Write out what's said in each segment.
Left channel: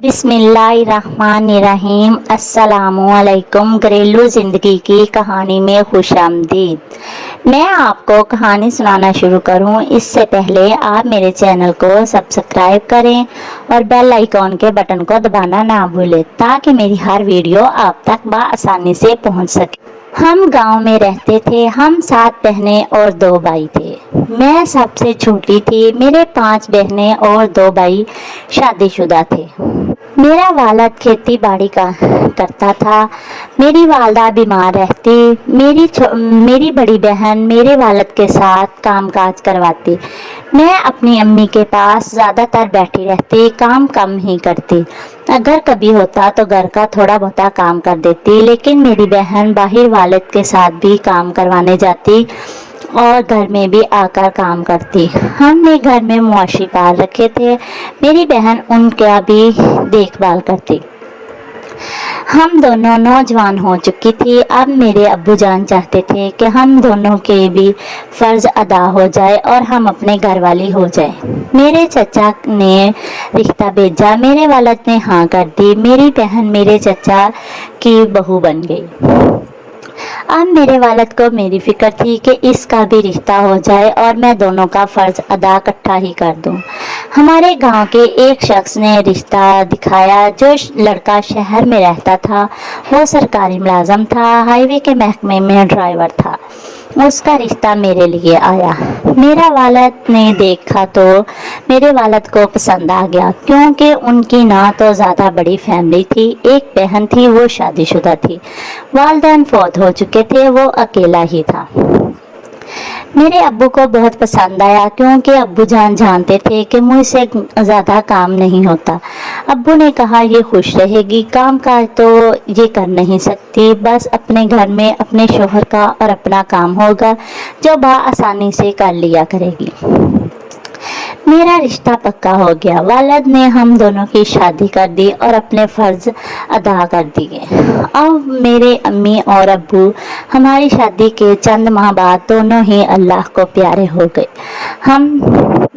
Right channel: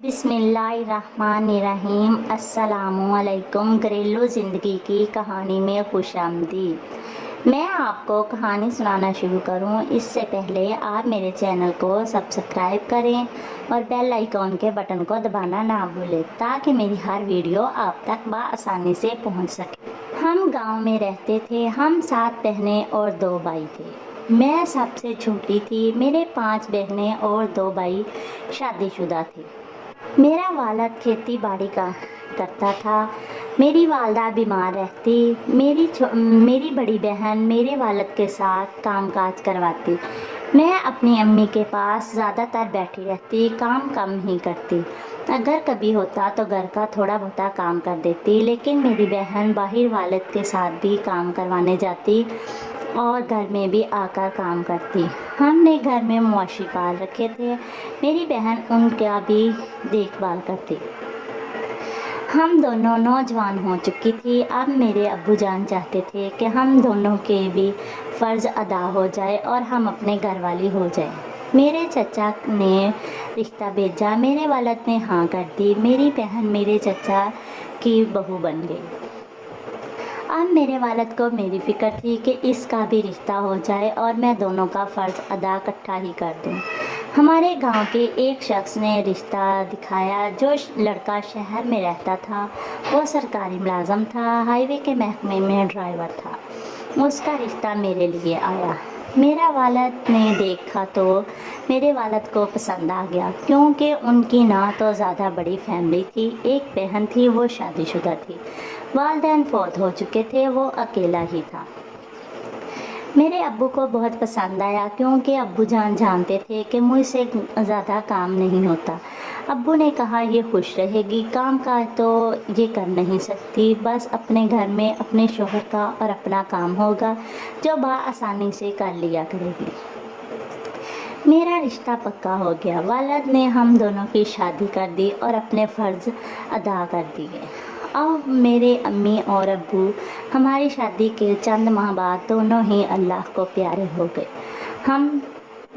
बिस्मिल्लाहिर्रहमानिर्रहीम। अस्सलामुअलैकुम। घरेलू ज़िंदगी की कहानी में खुशामदीद। मैं आपको कहानी सुनाना शुरू करूं इससे पहले आप मेरे चैनल को सब्सक्राइब करें और बेल आइकॉन के बटन को दबाना ना भूलें ताकि मेरी हर वीडियो आप तक आसानी से पहुंच सके। हम गांव में रहते थे। हम 7 बहनें और 2 भाई थे। मैं सबसे छोटी थी। मेरे 5 बहनें और 2 भाई शादीशुदा थे। मेरा वालिद खेती बाड़ी का करता था। मेरी वालदा बीमार रहती। मेरी बड़ी बहन मेरे वालिद के साथ कामकाज करवाती। मैं अपनी अम्मी के पास ज़्यादातर बैठी रहती, काम कम ही करती। अगर कभी होता तो घर का थोड़ा बहुता काम कर देती, लेकिन मेरी बहन बाहर वालिद के साथ भी काम करवाने जाती और घर में भी आकर काम करती। हमने घर में मवेशी पाल रखे थे। मेरी बहन उनका भी देखभाल करती। हम दोनों नौजवान हो चुकी थी। अब मेरे अब्बू जान चाहते थे कि हम दोनों के भी फ़र्ज़ अदा हो जाए और हम अपने घर वाली हो जाए। मेरे चचा ने रिश्ता भेजा। मेरे वालिद ने हाँ कर दी। मेरी बहन मेरे चचा की बहू बन गई। अब मेरे वालिद को मेरी फिक्र थी कि इसका भी रिश्ता हो जाए और मैं दोनों का फ़र्ज़ अदा इकट्ठा ही कर दूं। हमारे गांव के एक शख्स ने रिश्ता दिखाया। जो लड़का शहर में रहता था वो सरकारी मुलाजम था, हाईवे के महकमे में ड्राइवर था। उसका रिश्ता मेरे लिए आया। मेरा वालिद ने देखा तो मेरे वालिद को पसंद आ गया, क्योंकि उनकी ना तो ज़्यादा बड़ी फैमिली थी। एक बहन थी, वो शादीशुदा थी। वालिदैन फौत हो चुके थे, वो अकेला ही था। मेरे अब्बू को बहुत पसंद आया, क्योंकि अब्बू जान जानते थे कि मुझसे ज़्यादा काम नहीं होता। अब्बू ने कहा ये खुश रहेगी, काम काज तो ये कर नहीं सकती, बस अपने घर में अपने शोहर का और अपना काम होगा जो आसानी से कर लिया करेगी। मेरा रिश्ता पक्का हो गया। वालिद ने हम दोनों की शादी कर दी और अपने फ़र्ज़ अदा कर दिए। अब मेरे अम्मी और अब्बू हमारी शादी के चंद माह बाद दोनों ही अल्लाह को प्यारे हो गए। हम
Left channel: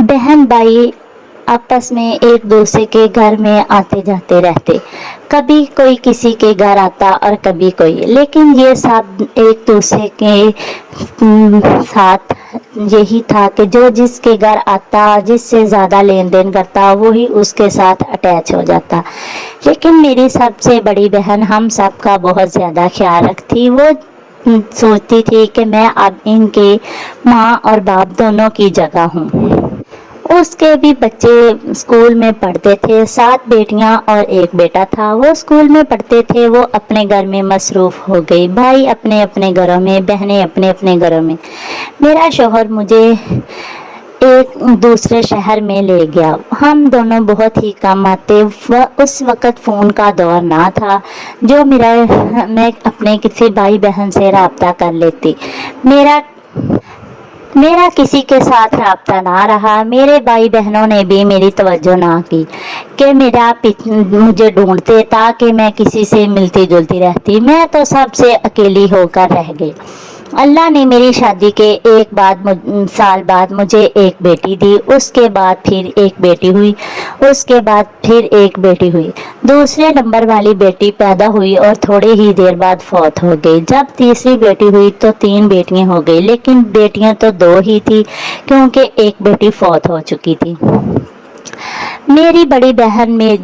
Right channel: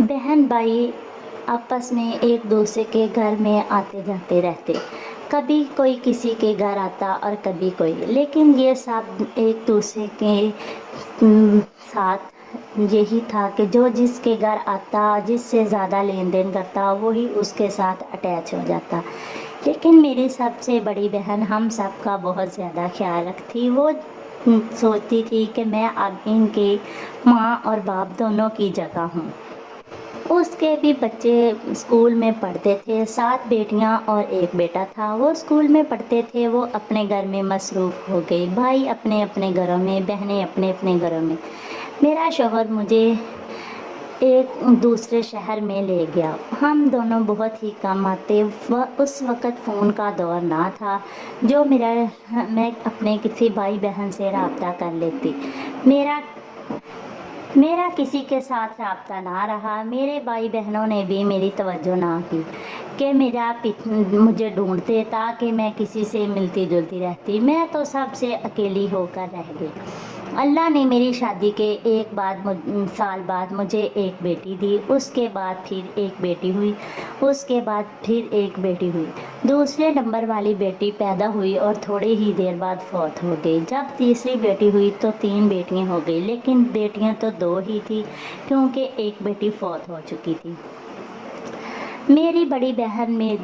बहन भाई आपस में एक दूसरे के घर में आते जाते रहते। कभी कोई किसी के घर आता और कभी कोई, लेकिन ये सब एक दूसरे के साथ यही था कि जो जिसके घर आता, जिससे ज़्यादा लेन देन करता, वही उसके साथ अटैच हो जाता। लेकिन मेरी सबसे बड़ी बहन हम सब का बहुत ज़्यादा ख्याल रखती। वो सोचती थी कि मैं अब इनके माँ और बाप दोनों की जगह हूँ। उसके भी बच्चे स्कूल में पढ़ते थे। 7 बेटियां और 1 बेटा था। वो स्कूल में पढ़ते थे, वो अपने घर में मसरूफ़ हो गई। भाई अपने अपने घरों में, बहनें अपने अपने घरों में। मेरा शौहर मुझे एक दूसरे शहर में ले गया। हम दोनों बहुत ही कम आते। उस वक़्त फ़ोन का दौर ना था जो मैं अपने किसी भाई बहन से रब्ता कर लेती। मेरा किसी के साथ रब्ता ना रहा। मेरे भाई बहनों ने भी मेरी तवज्जो ना की कि मुझे ढूंढते ताकि मैं किसी से मिलती जुलती रहती। मैं तो सबसे अकेली होकर रह गई। अल्लाह ने मेरी शादी के साल बाद मुझे एक बेटी दी। उसके बाद फिर एक बेटी हुई। उसके बाद फिर एक बेटी हुई। दूसरे नंबर वाली बेटी पैदा हुई और थोड़े ही देर बाद फौत हो गई। जब तीसरी बेटी हुई तो 3 बेटियां हो गई, लेकिन बेटियां तो 2 ही थी, क्योंकि एक बेटी फौत हो चुकी थी। मेरी बड़ी बहन ने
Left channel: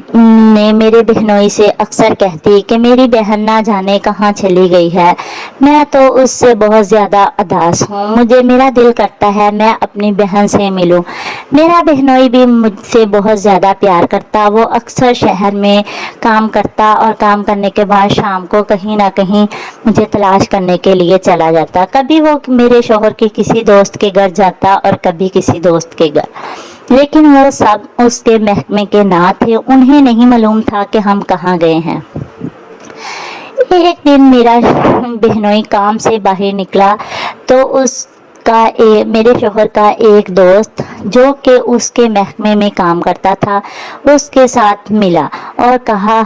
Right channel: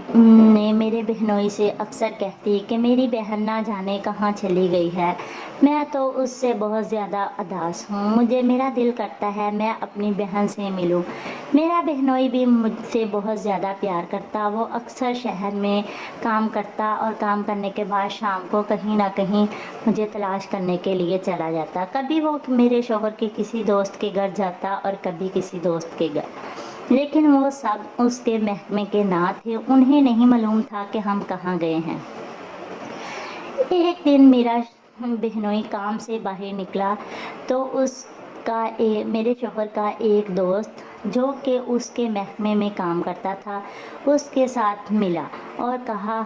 मेरे बहनोई से अक्सर कहती कि मेरी बहन ना जाने कहाँ चली गई है। मैं तो उससे बहुत ज़्यादा उदास हूँ। मेरा दिल करता है मैं अपनी बहन से मिलूँ। मेरा बहनोई भी मुझसे बहुत ज़्यादा प्यार करता। वो अक्सर शहर में काम करता और काम करने के बाद शाम को कहीं ना कहीं मुझे तलाश करने के लिए चला जाता। कभी वो मेरे शौहर के किसी दोस्त के घर जाता और कभी किसी दोस्त के घर, लेकिन वो सब उसके महकमे के ना थे। उन्हें नहीं मालूम था कि हम कहाँ गए हैं। एक दिन मेरा बहनोई काम से बाहर निकला तो मेरे शौहर का एक दोस्त जो कि उसके महकमे में काम करता था, उसके साथ मिला और कहा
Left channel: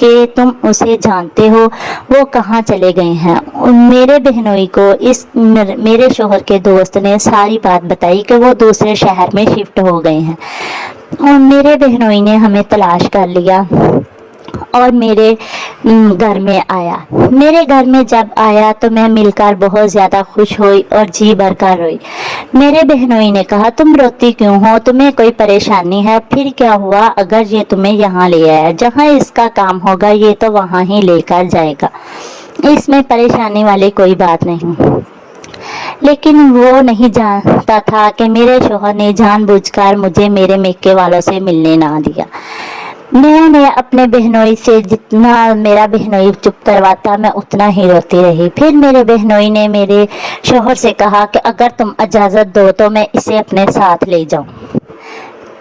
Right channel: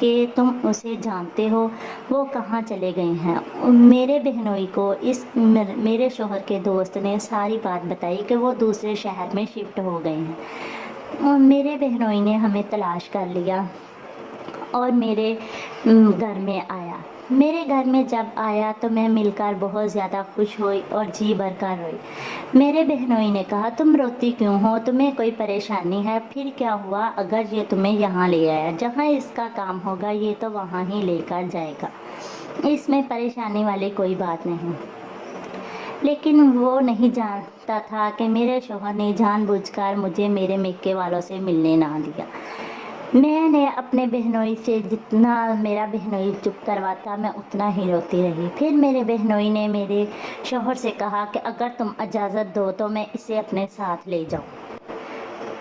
कि तुम उसे जानते हो, वो कहाँ चले गए हैं। मेरे बहनोई को मेरे शौहर के दोस्त ने सारी बात बताई कि वो दूसरे शहर में शिफ्ट हो गए हैं। और मेरे बहनोई ने हमें तलाश कर लिया और मेरे घर में आया। मेरे घर में जब आया तो मैं मिलकर बहुत ज़्यादा खुश हुई और जी भरकर रोई। मेरे बहनोई ने कहा, तुम रोती क्यों हो, तुम्हें कोई परेशानी है? फिर क्या हुआ अगर ये तुम्हें यहाँ ले आया? जहाँ इसका काम होगा ये तो वहाँ ही लेकर जाएगा, इसमें परेशानी वाली कोई बात नहीं। लेकिन वो नहीं जानता था कि मेरे शौहर ने जानबूझकर मुझे मेरे मेके वालों से मिलने ना दिया। मैंने अपने बहनोई से जितना मेरा बहनोई चुप करवाता मैं उतना ही रोती रही। फिर मेरे बहनोई ने मेरे शौहर से कहा कि अगर तुम इजाज़त दो तो मैं इसे अपने साथ ले जाऊं।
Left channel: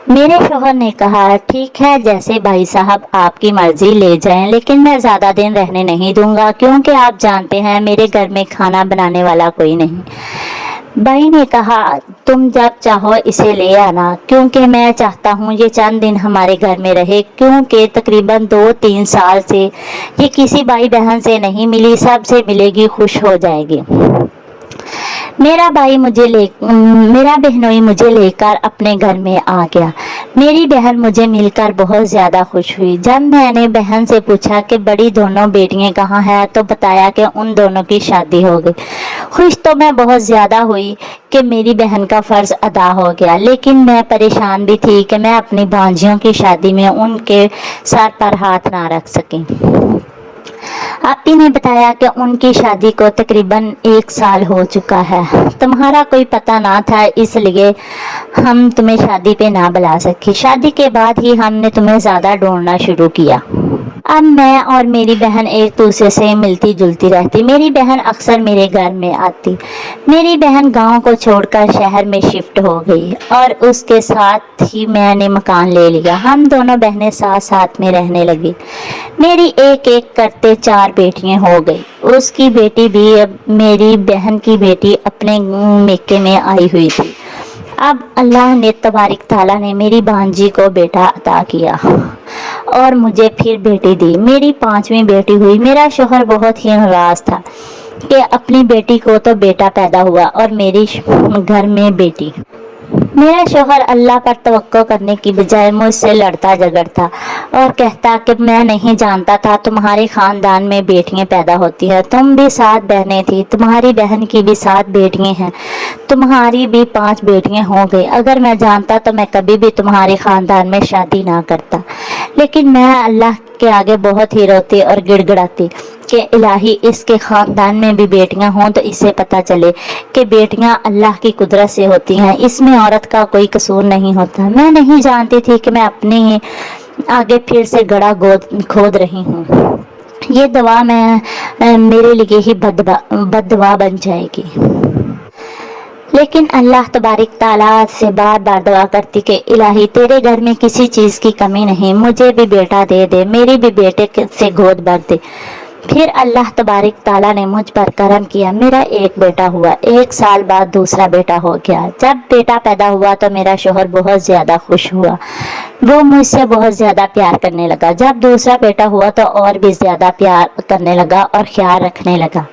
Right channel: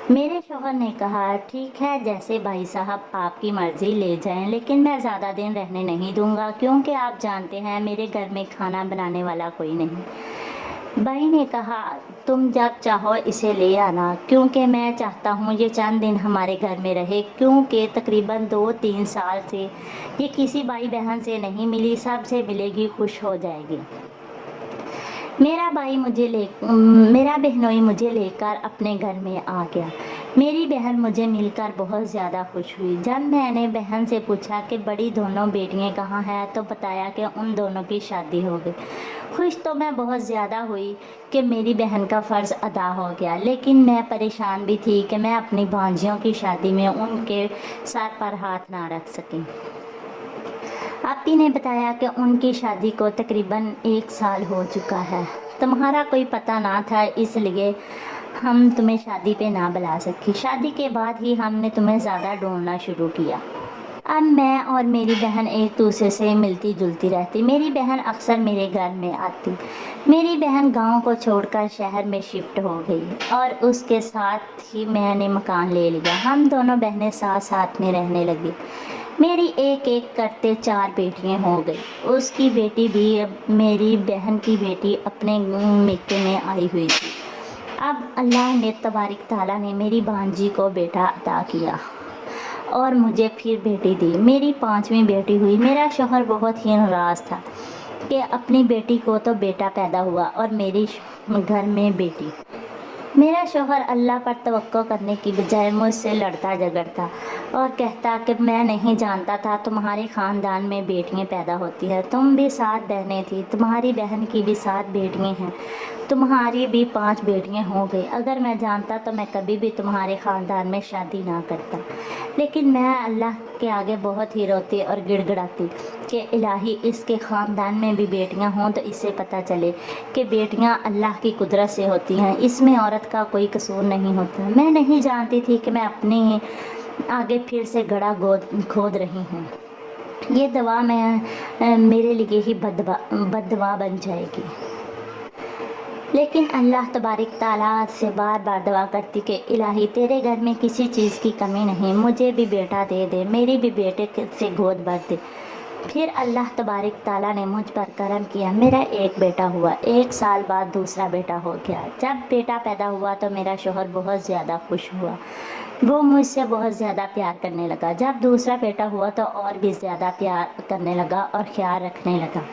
मेरे शौहर ने कहा, ठीक है, जैसे भाई साहब आपकी मर्जी, ले जाएं, लेकिन मैं ज़्यादा दिन रहने नहीं दूंगा क्योंकि आप जानते हैं मेरे घर में खाना बनाने वाला कोई नहीं। भाई ने कहा, तुम जब चाहो इसे ले आना, क्योंकि मैं चाहता हूँ ये चंद दिन हमारे घर में रहे, क्योंकि तकरीबन 2-3 साल से ये किसी भाई बहन से नहीं मिली, सबसे मिलेगी, खुश हो जाएगी। मेरा बहनोई मुझे लेकर अपने घर में आ गया। मेरी बहन मुझे मिलकर बहुत ज़्यादा खुश हुई। जब मैंने बहन से पूछा कि बड़ी दोनों बेटियां कहाँ हैं तो बताया कि उन दोनों की शादी हो गई। खुश तो मैं बहुत ज़्यादा हुई कि मेरी बहन का फ़र्ज़ अदा हो गया, लेकिन मैं परेशान भी थी कि मैं अपनी भांजियों की शादी में उनके सर पर हाथ ना रख सकी। आपी ने बताया कि उनकी शादी को तकरीबन 1 साल हो चुका है। तुम्हारा कोई पता ना था, इसलिए हम तुम्हें शादी पे ना बुला सके। शादी के बाद ही हमने तुम्हें ज़्यादा ढूंढना शुरू किया। अब मैं और मेरी बहन एक दूसरे से मिलती जुलती रहती। मेरी बहन अक्सर मेरे घर में आती। मेरी बहन गांव को छोड़कर शहर में शिफ्ट हो गई और उसके साथ ही मैंने मकान ले लिया। हम दोनों बहनें साथ साथ में रहने लगी। मेरी एक एक करते 4 बेटियां हो गई। उसकी बेटी भी, अब मेरी बहन की बेटी अपने मेके में आई हुई थी। अब अल्लाह ने तबारिक ताला ने मेरी भांजी को बेटा अता किया और मुझे फिर बेटी दी। मेरी 5वीं बेटी हुई। मेरा शौहर बहुत ही नाराज था कि अपनी बेटी को तो बेटा पैदा हुआ और मेरी घर में बेटी। मेरा शौहर अल्लाह पर तवक्को करने की बजाय मुझसे लड़ता झगड़ता और कहता कि मैं नहीं जानता था तुम्हारे ख़ानदान में बेटियां पैदा होती हैं। तुम भी 7 बहनें थी, तुम्हारी बहन की भी 7 बेटियां हैं, तुम्हारी भी 5 बेटियां हो गई। अगर मैं जानता तो मैं कभी भी तुम्हारे ख़ानदान में शादी ना करता। लेकिन मैं अल्लाह के आगे बहुत ही रोती और गिड़गिड़ाती कि इलाही इसके ख़ानदान में भी बेटियां हों तो इसे पता चले कि बेटियां अल्लाह की कुदरत से होती हैं, इसमें औरत का कोई कसूर नहीं होता। मैं नहीं जानती थी कि मैं अपने आगे फिर से गड़ा खोद रही हूँ। ये दवा मेरे लिए ही बददुआ बन जाएगी। लेकिन अल्लाह तबारिक ताला से बार बार दुआ करती कि इलाही तेरे घर में किसी चीज़ की कमी नहीं, मुझे भी बेटा दे दे, मेरी भी बेटे से गोद भर दे। फिर अल्लाह तबारिक ताला ने मुझ पर करम किया। मेरा एक बेटा हुआ। 1 साल बाद दूसरा बेटा हो गया। जब बेटा पैदा हुआ तो मेरा शौहर बहुत ज़्यादा खुश हुआ। वो मुझसे बहुत ज़्यादा प्यार करने लगा। जब दूसरा बेटा हुआ तो और भी ज़्यादा प्यार करने लगा और ख्याल रखने लगा।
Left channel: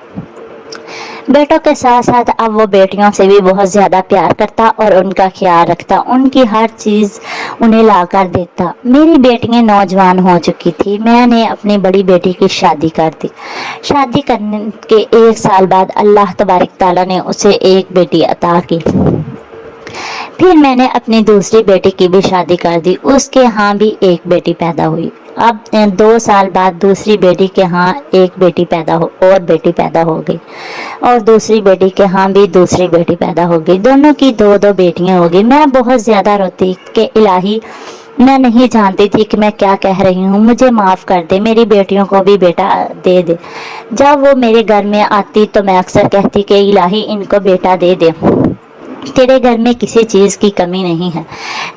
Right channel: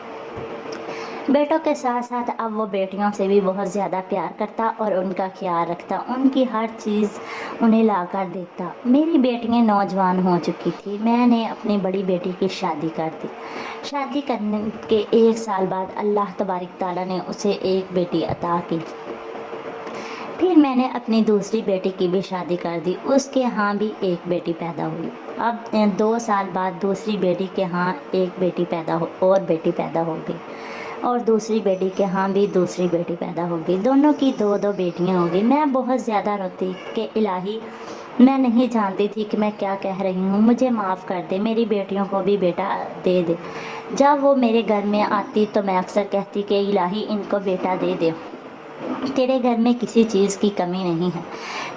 बेटों के साथ साथ अब वो बेटियों से भी बहुत ज़्यादा प्यार करता और उनका ख्याल रखता, उनकी हर चीज़ उन्हें ला कर देता। मेरी बेटियां नौजवान हो चुकी थी। मैंने अपनी बड़ी बेटी की शादी कर दी। शादी करने के 1 साल बाद अल्लाह तबारिक ताला ने उसे एक बेटी अता की। फिर मैंने अपनी दूसरी बेटी की भी शादी कर दी। उसके यहाँ भी एक बेटी पैदा हुई। अब 2 साल बाद दूसरी बेटी के यहाँ एक बेटी पैदा हो गई और दूसरी बेटी के यहाँ भी दूसरी बेटी पैदा हो गई। दोनों की 2-2 बेटियां हो गई। मैं बहुत ज़्यादा रोती कि इलाही मैं नहीं जानती थी कि मैं क्या कह रही हूँ, मुझे माफ़ कर दे, मेरी बेटियों को भी बेटा दे दे। जब वो मेरे घर में आती तो मैं अक्सर कहती कि इलाही इनको बेटा दे दे, तेरे घर में किसी चीज़ की कमी नहीं है।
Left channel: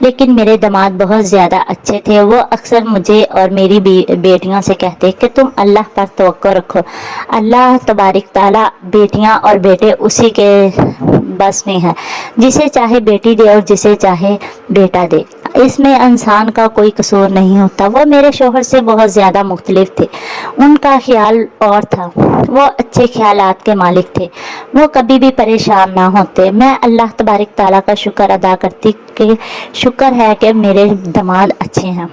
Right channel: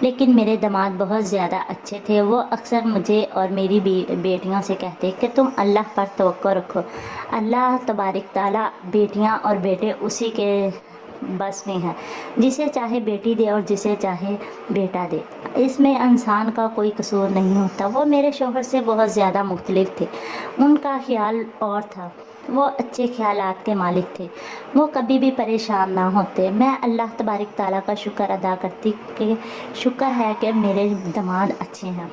लेकिन मेरे दामाद बहुत ज़्यादा अच्छे थे। वो अक्सर मुझे और मेरी बेटियों से कहते कि तुम अल्लाह पर तवक्को रखो, अल्लाह तबारिक ताला बेटियां और बेटे उसी के बस में है, जिसे चाहे बेटी दे और जिसे चाहे बेटा दे, इसमें इंसान का कोई कसूर नहीं होता। वो मेरे शौहर से बहुत ज़्यादा मुख्तलिफ थे। उनका ख्याल और था वो अच्छे ख्यालात के मालिक थे, वो कभी भी परेशान ना होते। मैं अल्लाह तबारक ताला का शुक्र अदा करती कि शुक्र है कि मेरे दामाद अच्छे हैं।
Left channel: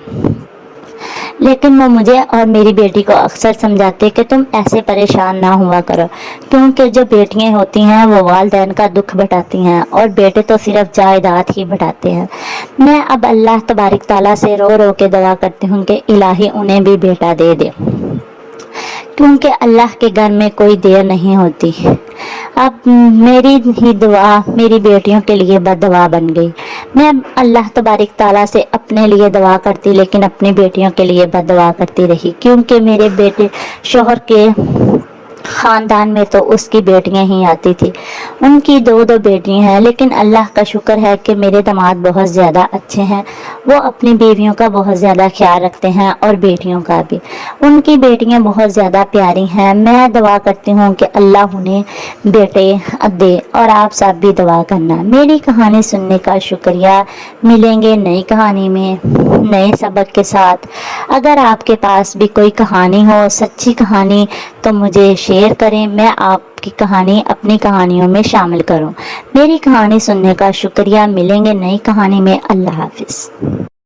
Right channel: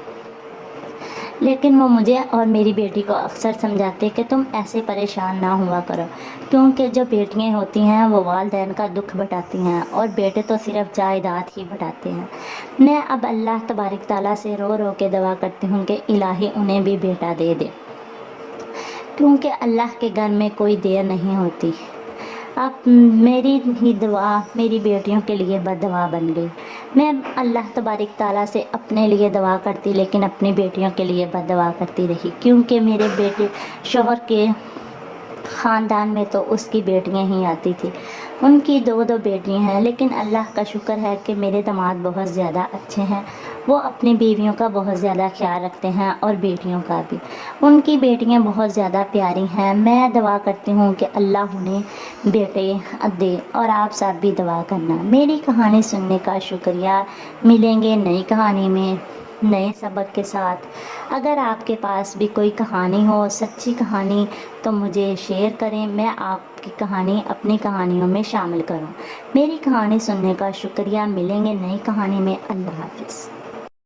लेकिन वो मुझे और मेरी बेटी को अक्सर समझाते कि तुम ऐसे परेशान ना हुआ करो, क्योंकि जो बेटियां होती हैं वो वालिदैन का दुख बटाती हैं और बेटे तो सिर्फ जायदाद ही बटाते हैं। मैं अब अल्लाह तबारक ताला से रो रो के दुआ करती हूँ कि इलाही उन्हें भी बेटा दे दे, क्योंकि अल्लाह के घर में कोई देर नहीं होती। अब मेरी ही दुआ मेरी बेटियों के लिए बददुआ बन गई। मैं अल्लाह तबारक ताला से अपने लिए दुआ करती, लेकिन अपनी बेटियों के लिए बददुआ करती रही, क्योंकि मेरे बेटे शोहर के ख़ानदान में तो उसकी बेटियां ही आती थी। उनकी दो दो बेटियां हैं, लेकिन अल्लाह का शुक्र है कि मेरे दामाद बहुत ज़्यादा अच्छे हैं। वो अपनी बीवियों का बहुत ज़्यादा ख्याल रखते हैं और बेटियों का भी। उनकी बेटियां बहुत ज़्यादा प्यारी हैं। मैं दुआ करती हूँ कि अल्लाह उन्हें बेटे दे, और आप सब भी दुआ करना। मेरी कहानी सुनने का शुक्रिया। मिलेंगे नई कहानी में नए सबक के साथ। अगर आपके पास भी कोई कहानी हो, सच्ची कहानी, तो मुझे शेयर करें, मैं आपकी कहानी अपनी कहानियों में शामिल करूं। मेरी कहानी सुनने का शुक्रिया। मिलेंगे नई कहानी में। अल्लाह हाफिज़।